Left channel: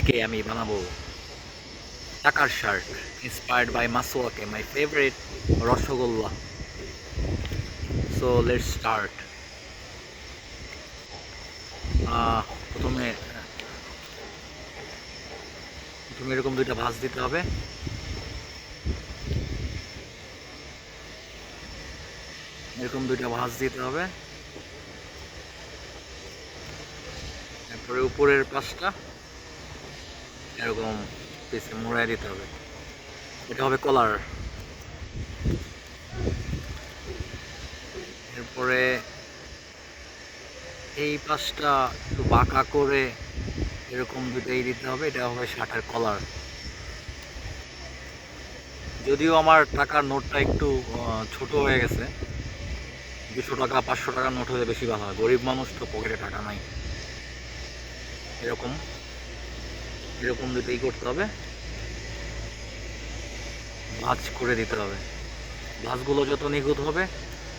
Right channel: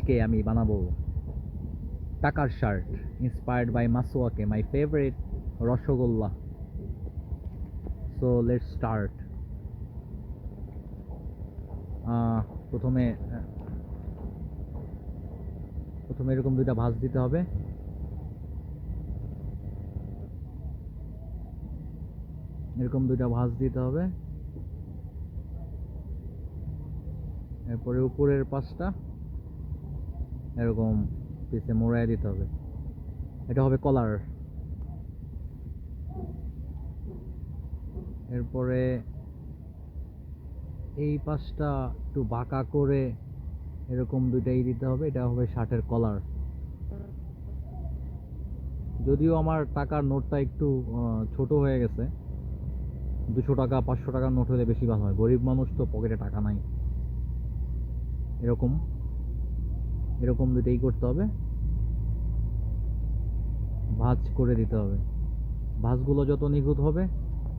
আজকে আমি বানাবো টাকার শার্ট ইন্সপায়ার্ড বাই মাসওয়াকে my favourite rasgulla. So let's start. প্রথমে প্রথমে এরকম দুইটা ভাঁজ দিতে হবে। এরকম দুইটা ভাঁজ দিতে হবে। এরপরে উপরের পাশটা এরকম পিছে মোড়ায় দিতে হবে। এটা হবে কলার। এরপরে এই পাশটা একটু বাঁকা করে এরকম দুটাই দিতে হবে। এটা হবে শার্টের কলার। যদিও আমার টাকার নোটটা একটু ছোট হয়ে গেছে, 200 টাকা 500 টাকার নোট হলে বেশি ভালো হয়। গরিব মানুষ তো, পকেটে টাকা নাই। এরকম এরকম দুটোই করতে হবে, ভাঁজ করে দিতে হবে। ভাঁজগুলো যত নিখুঁত হবে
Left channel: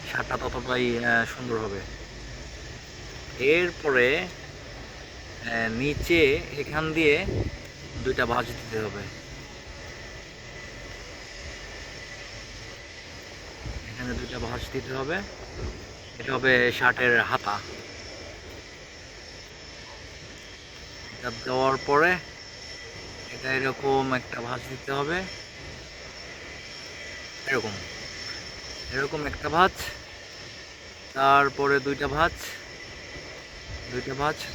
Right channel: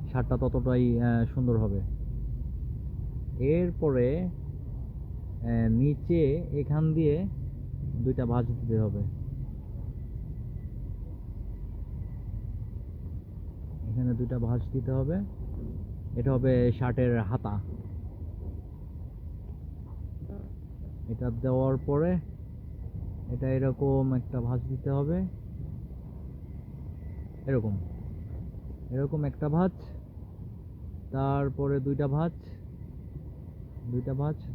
শার্টটা ততটাই সুন্দর হবে। এরপরে নিচে এখান দিয়ে দুইটা ভাঁজ দিতে হবে। এখানে দুইটা ভাঁজ দিতে হবে। এটা হবে শার্টের হাতা। এটা দেওয়ার পরে এটা এরকম একটা ভাঁজ দিতে হবে। এরকম এরকম একটা ভাঁজ, তারপরে দুইটা ভাঁজ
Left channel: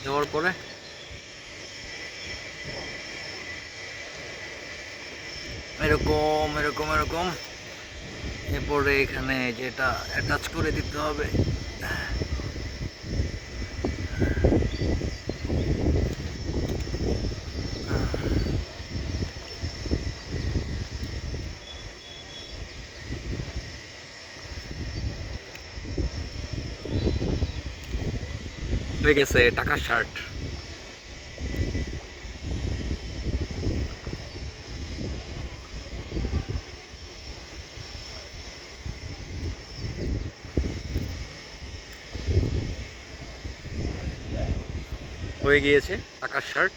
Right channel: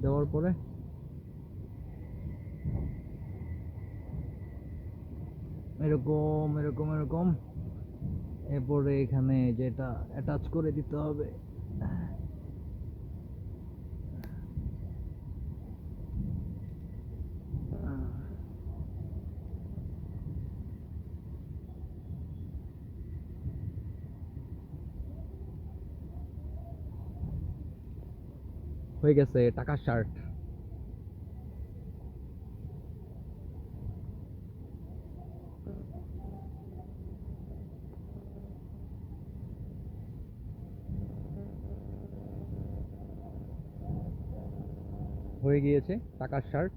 দেওয়ার পরে এরকম এরকম এরকম এরপরে এখানে যেটা অ্যাটাচ করে দিতে হবে। হয়ে গেছে টাকার শার্ট। হয়ে গিয়েছে টাকার শার্ট।